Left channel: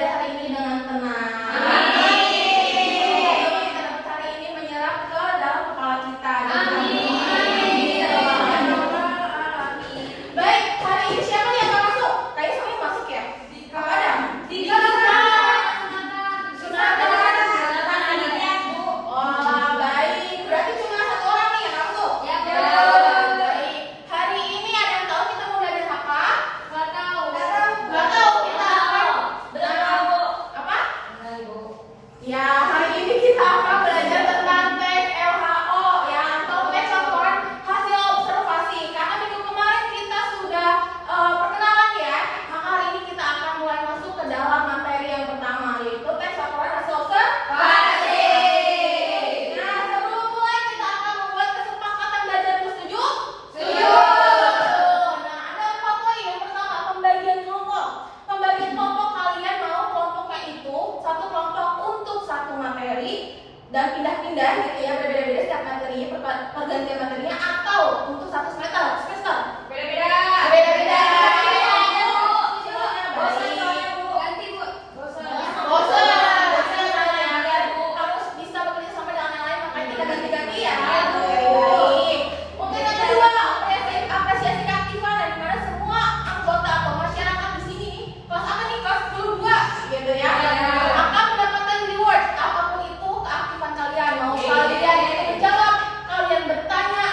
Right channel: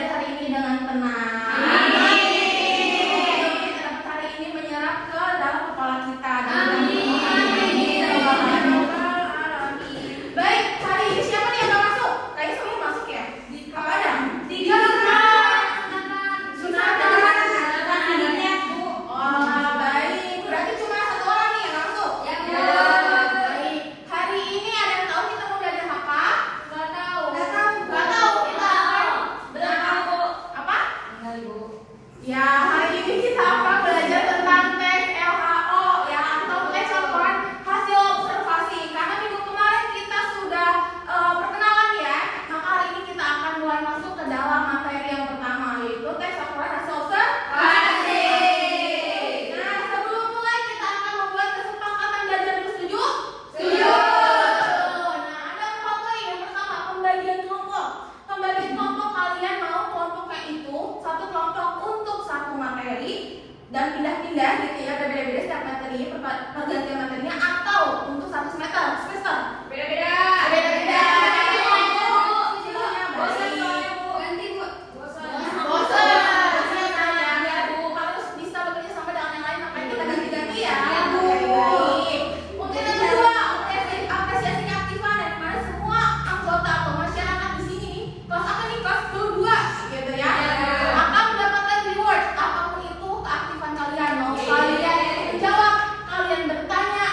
belajar hari ini dengan tenang. Kita dapat hari ini menyerap ke dalam kepala kita. Baik, hari ini siapa nih yang gak masuk? Kayaknya semuanya masuk ya? Gak ada? Tiga oh, baik. Berarti cuma satu orang nih yang gak masuk? Ya, baik. Hari ini ada yang tahu kita mau belajar apa? Gak tahu. Kita apa? Ya, hari ini kita akan belajar tentang tes LHO ya, atau tes laporan hasil observasi. Karena minggu kemarin kita sudah perkenalan ya, maka hari ini kita akan mulai masuk ke dalam materi yang pertama, yaitu tes laporan hasil observasi. Nah, sebelum mulai kita akan membuat kesepakatan belajar. Setuju? Setuju. Nah, ada 4 poin. Yang pertama, pembagian kelompok. Pembagian kelompok, kalian mau kelompoknya itu satu kelompok untuk satu materi dan pindah-pindah gitu ya, berbeda-beda setiap materinya, pergantian materinya, atau untuk satu semester. Beda-beda. Bosan ya, lihat Bu, harus bisa bekerja sama dengan yang lain, makanya kita ganti-ganti ya. Mungkin yang kedua, apresiasi keaktifan, dan dimana semua anggota atau masyarakat di sini kelas apa nih, kelas 22 gitu ya, akan mendapatkan reward apapun itu keaktifan kalian. Mau kalian menjawab, kalian bertanya,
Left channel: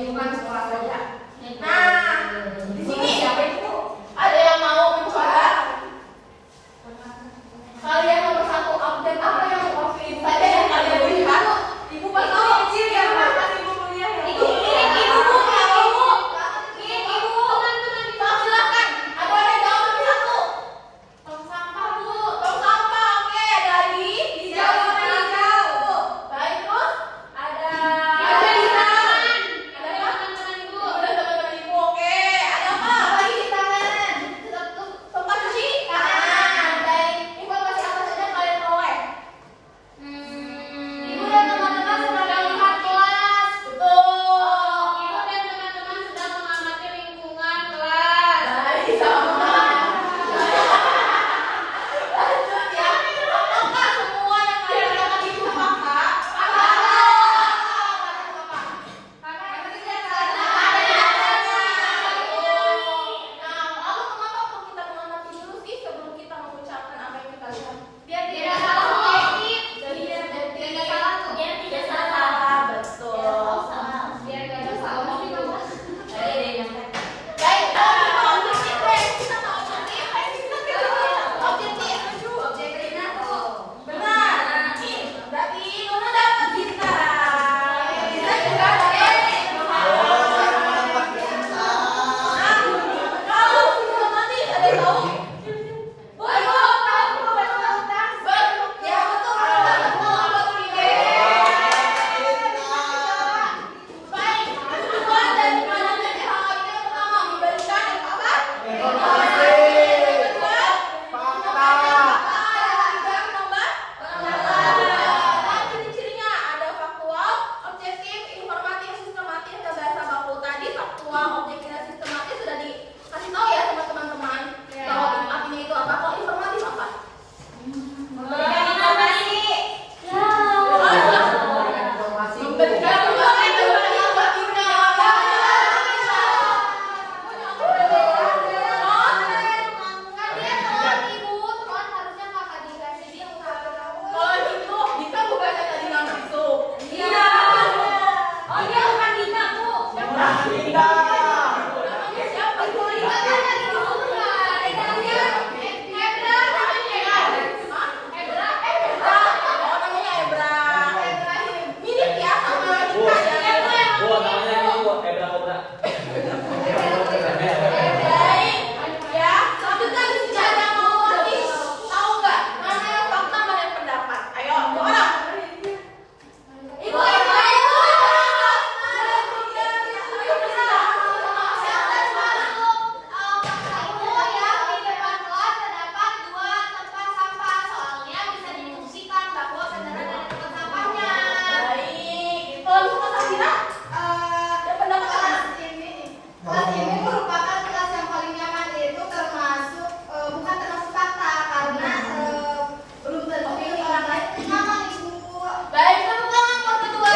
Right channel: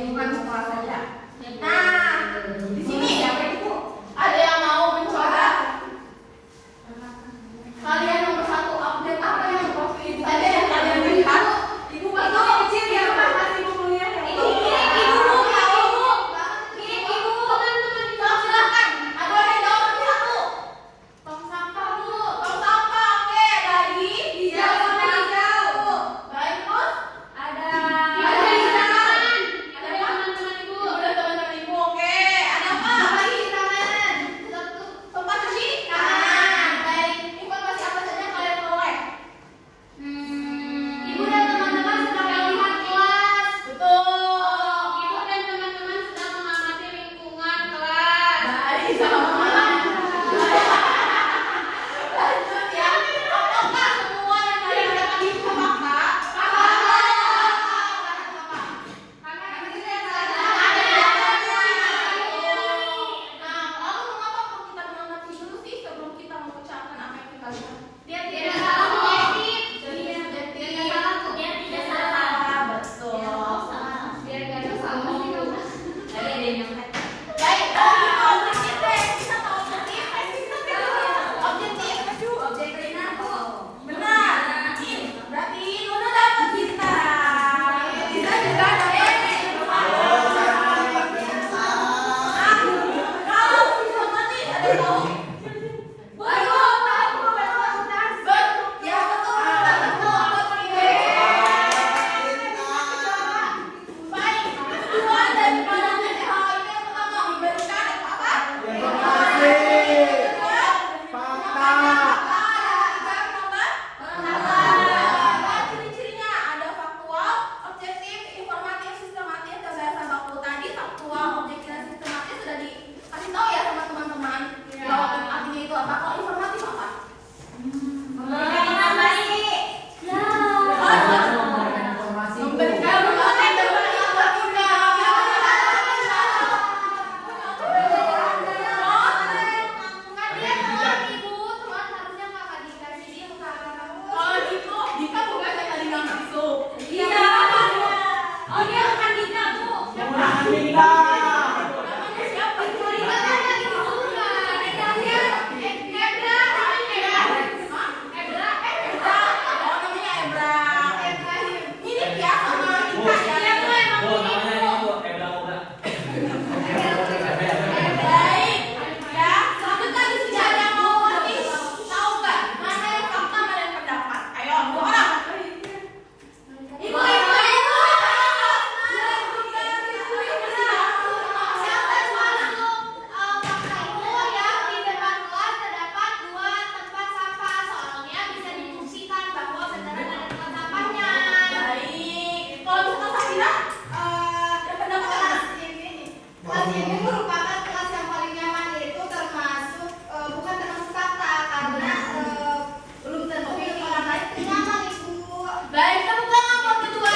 lingkungan sekolah saja. Nah, di sini ada yang mau mencoba? Kalian nomor 1 update apa yang saja yang kalian lihat? Ibu itu kecil ya, ibu kuliah ya. Ibu. Silakan. Ada yang jawab nomor 1. Tong sampah Bu. Tong sampah. Oke, dari dijawab sama hijau. Baik, terus ada di tangan. Ada teman-teman Ibu. Ada teman-teman Ibu. Oke, ada apa? Apa di tangan? Tempat cuci tangan. Baik. Informasi apa saja yang kalian peroleh? Ibu dan teman-teman sedang melihat kelas. Betul. Ibu dan teman-teman sedang mengamati lingkungan kelas. Baik, sama. Lanjut ya. Apakah semua yang kalian lakukan itu apakah? Nah, lalu mengapa kita mengamati dulu sih sebelum kita mengucapkan apa yang kita lihat? Biar tidak salah objektif. Biar tidak salah. Betul. Biar tidak salah dulu. Baik, objektif. Kita tahu objektif. Objektif. Benar. Berarti Nuna dapat kita. Kita juga dapat. Kalau sistematis ada tahu? Ya betul. Baik, tujuan dan pelajaran hal ini yang pertama memberikan apa? Ciri-cirinya ada faktual, objektif, informatif, sistematis, dan bahasa baku. Tadi faktual, objektif, dan sistematis sudah dikasih tahu ya sama teman-teman. Jawab artinya itu apa? Kalau informatif apa? Memberikan informasi. Memberikan kalau gitu, Dika bukan yang tadi nggak masuk. Iya. Oh dia bukan Dika Bu. Namanya siapa? Dika kan tadi disuruh. Ada dia. Ebra. Hah? Ebra. Oh namanya Ebra. Mirip ya sama Dika ya. Bu, namanya Bu, Ebra Obra. Baik. Ya, selanjutnya di sini ada yang mau voting. Tahu nggak? Mana yang fakta, mana yang pendapat? Ayo, dua orang. Ibu. Siapa yang masuk? Baik. Kalau bisa Mas Afira, ada pendapat apa? Kelas ibu merupakan kelas yang paling nyaman, yaitu termasuk bukan termasuk fakta karena belum tentu milik orang lain itu nyaman ibu. Baik, tepuk tangan buat kedua.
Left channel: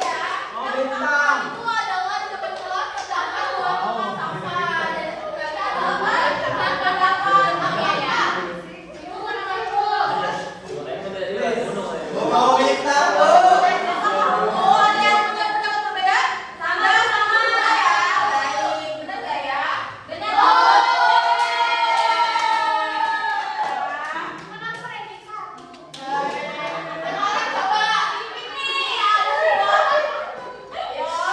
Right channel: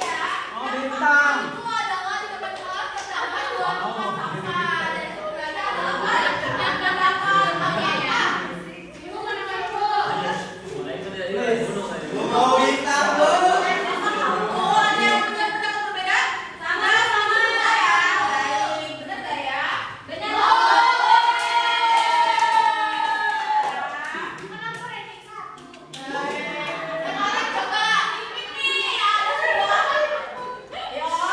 Ya. Bintang. Itu adalah kebetulan terdapat dua tempat sampah dan sebenarnya adalah pendapat. Oke ya. Ibu mendengar Bu. Oh bintang bu. Oh, ada yang punya pendapat berbeda? Sama-sama ya. Baik, benar nggak ya? Benar. Sekarang coba dipik nih, ada semua. Ayo.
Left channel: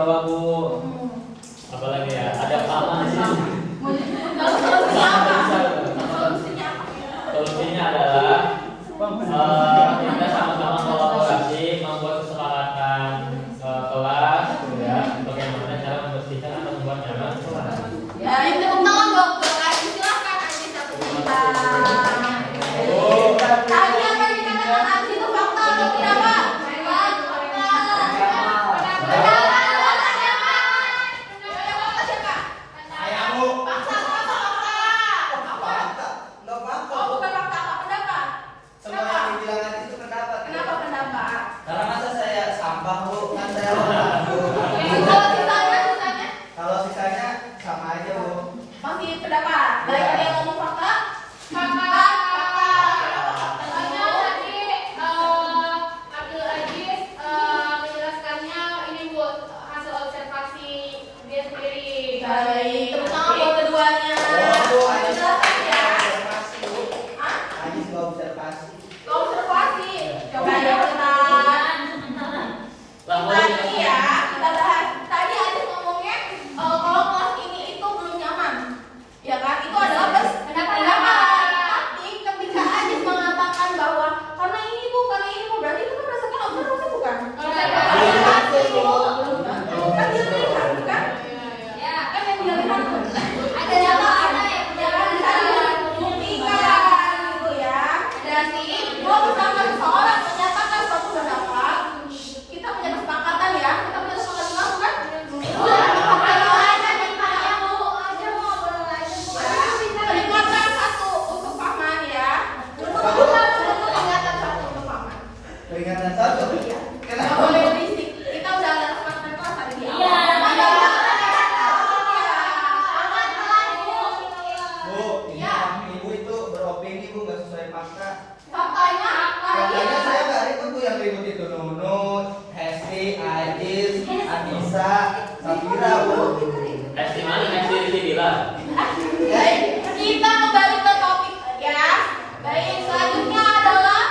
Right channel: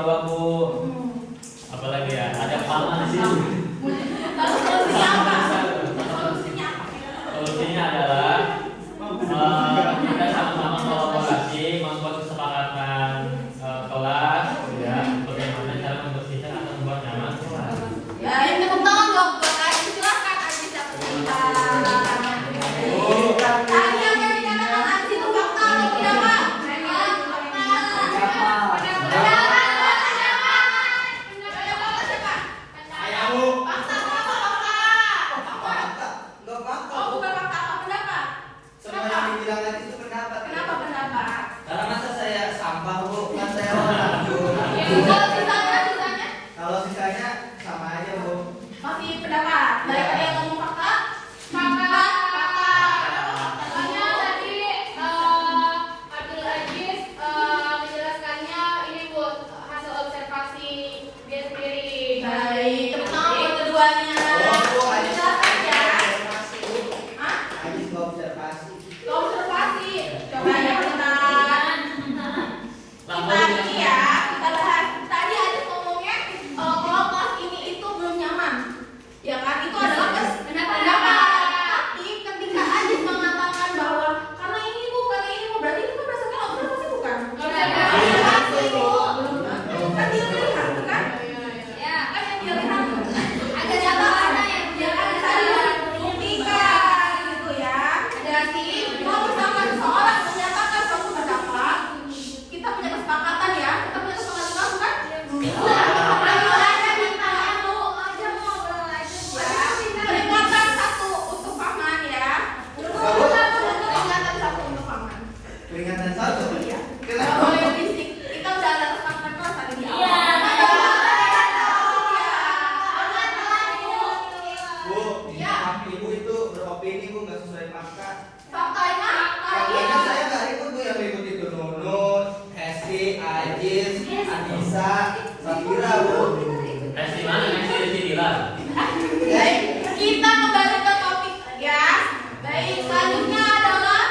bawah Bu. Apalagi ya, ada paman di sini. Kalau solusinya apa? Solusinya adalah kita sama-sama kolaborasi membuat kesepakatan kelas, ya, bagaimana cara membersihkan atau membuat nyaman kelas. Ya, ini tepuk tangan dong buat Aji. Silakan Aji siapa cerita. Tadi yang dikatakan Aji itu fakta atau tidak, Pak? Kalau sisanya sama aja Bu. Masih pendapat? Baik, ada yang ngomong fakta? Fakta. Katanya tadi Abdul Aziz menjelaskannya ini buat hasil observasi dia sendiri. Baik, tepuk tangan buat keduanya. Jelaskan ya. Hah? Habis observasi. Observasi. Coba ya pelan. Kita ini ya, kita bahas. Tadi ada ngomongnya kalau kelas ini itu belum nyaman. Ya kan? Itu adalah pendapat. Tapi ketika Aziz mengatakan bahwa karena ini Bu, berarti itu kan berdasarkan observasi bukan? Observasi. Kan dia lihat bukan? Ya, kan yang dia lihat tuh. Ada catatan. Ya kan bisa dibuktikan gitu ya. Dan kalau misalkan seseorang menyatakan suatu pendapat, kita punya kesepakatan ya. Kita punya kesepakatan bukan? Peringatan satu untuk paman ya. Peringatan satu untuk paman. Peringatan satu. Nggak boleh berisik. Kita udah ada kesepakatan kelas tadi di awal. Bu, ibu itu beropini Bu nggak sesuai fakta. Faktanya Faktanya saya nggak ikut tuh yang ikut itu Nunun, Hesti, Aziz, Anissa, Safira Bu. Estimasi yang bilang. Baik, kita kembali ke topik ya. Baik, selanjutnya adalah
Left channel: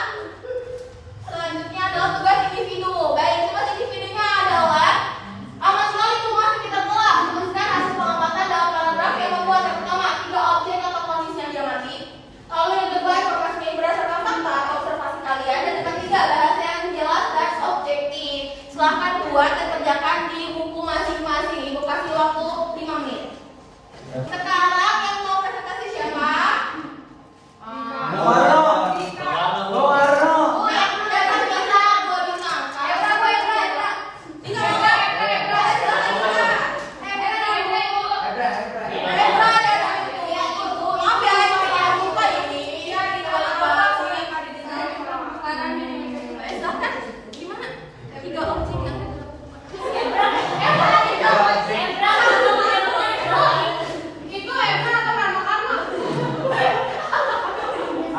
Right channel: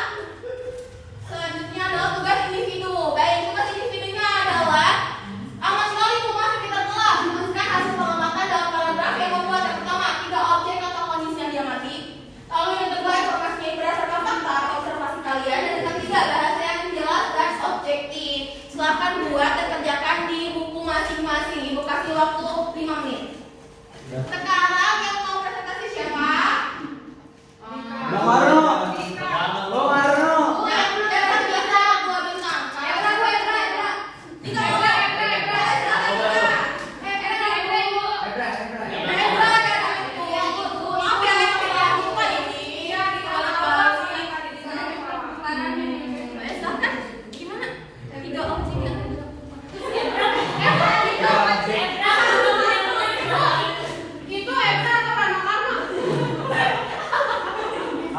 tugas individu. Baik, tugas individunya adalah aman sekali tuh masuk kita kelas. Menuliskan hasil pengamatan dalam paragraf yang membuat yang pertama 3 objek atau kondisi yang diamati. Lalu yang kedua informasinya berdasarkan fakta atau observasi kalian. Dan yang ketiga bahasa yang jelas dan objektif. Silahkan buat dan kerjakan di buku masing-masing. Ibu kasih waktu 5 menit. Sekarang yang mau presentasi siapa? Nawarno. Nawarno.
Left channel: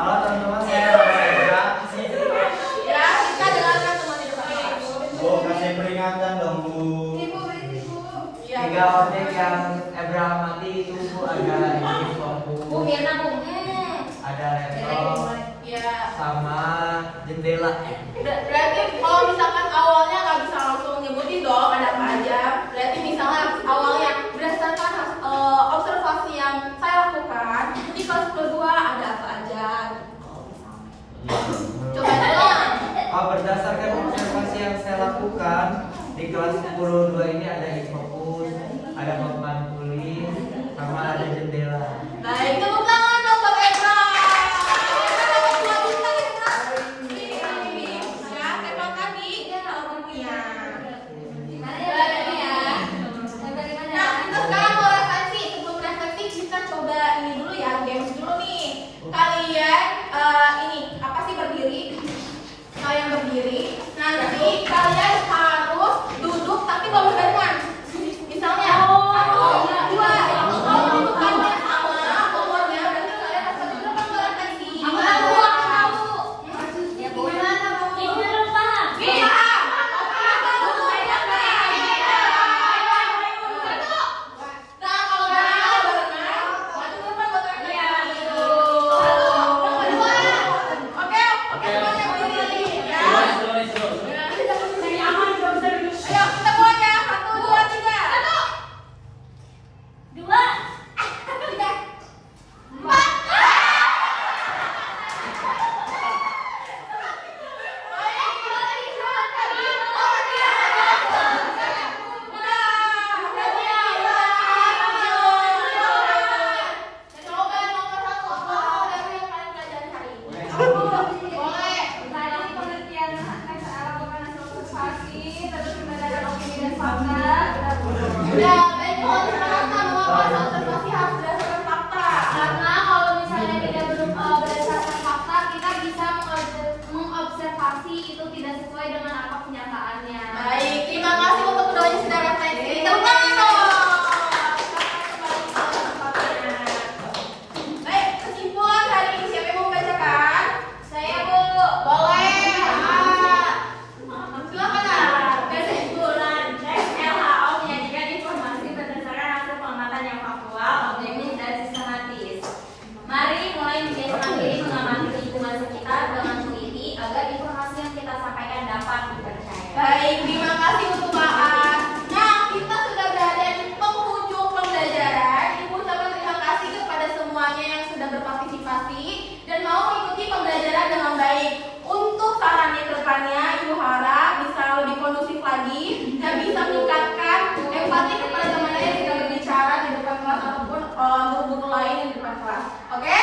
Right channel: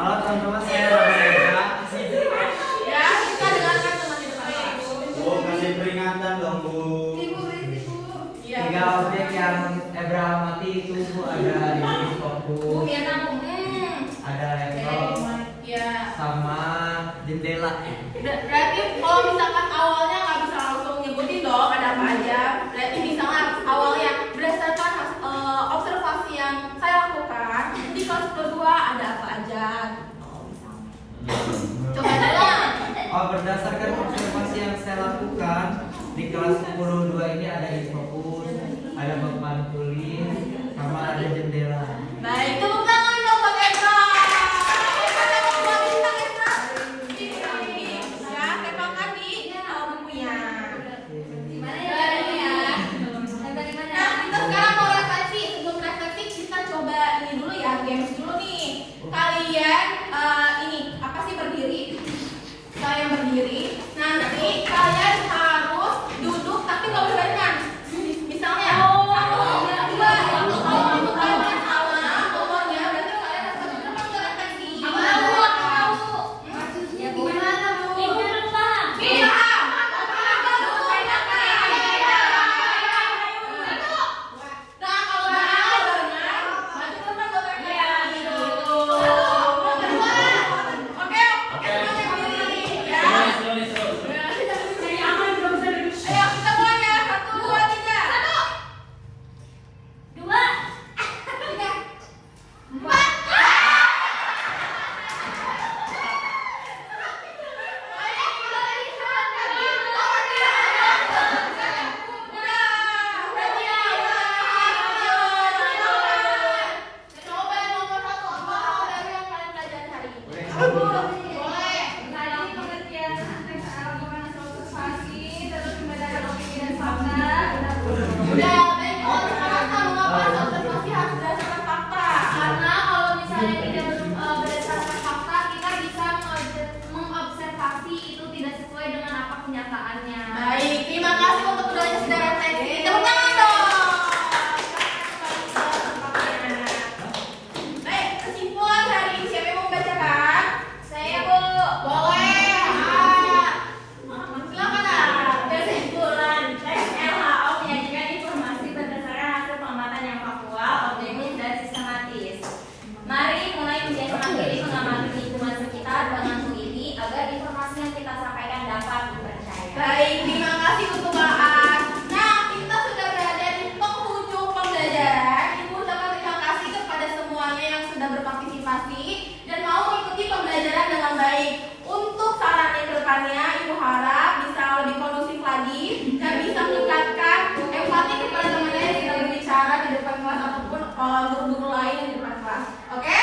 Halo teman-teman, saya Rama. Ya, kita dengarkan teman di depan. Bu, kasih peringatan dong Bu. Iya. 3 objek yang Ebra amati itu Bu, ada ini fokus, ada laptop, Ya. sama jendela. Berarti kalau misalkan awalnya nggak bisa langsung nyebutin dong ada apa aja. Berarti misalnya awalnya berdasarkan observasi yang saya lakukan di kelas kedua ada apa aja. Coba dong. Berdasarkan observasi yang saya lakukan di kelas 10-2 ini ada fokus, ada papan tulis, sama ada jendela. Baik, tepuk tangan dong buat Ebra. Tembakan di bukunya. Nah, kita sekarang mau refleksi. Sebelum refleksi kita coba ini dulu ya, games dulu nih. Kalian ini apa sih berdiri? Kalian berdiri. Nanti kalian harus duduk tapi nggak berbarengan. Misalnya satu, dua. Kalau duduk kalian sama nomornya berarti kalian harus satu berapa refleksi. Ya gimana dong? Iya. Oke, Terus. Ya, baik mohon dijelaskan mengapa observasi harus berdasarkan fakta. Karena kalau misalnya tidak berdasarkan fakta, kita bisa mengobservasi itu tidak sesuai dengan apa kenyataannya. Baik, terima kasih untuk keduanya sudah refleksi. Tepuk tangan dong. Baik, kesimpulan hari ini siapa yang mau membacakan? Saya Bu. Boleh. Silakan ah. Kesimpulan tes LHO menyajikan informasi berdasarkan hasil pengamatan yang faktual, objektif dan sistematis. Mari mulai membiasakan diri mengamati lingkungan sekitar dengan teliti agar informasi yang kita sampaikan dapat dipercaya. Baik, terima kasih untuk Mbak. Nah, kita sudah berada di penghujung pembelajaran. Ibu ucapkan terima kasih kepada semuanya yang sudah berpartisipasi dan mau mengikuti pembelajaran dengan baik. Untuk sarannya ke depannya, Ibu harap bisa lebih kondusif lagi dan bisa meningkatkan empati kepada teman-teman yang sudah berbicara di depan kelas ataupun guru-guru lain di depan kelas. Oke?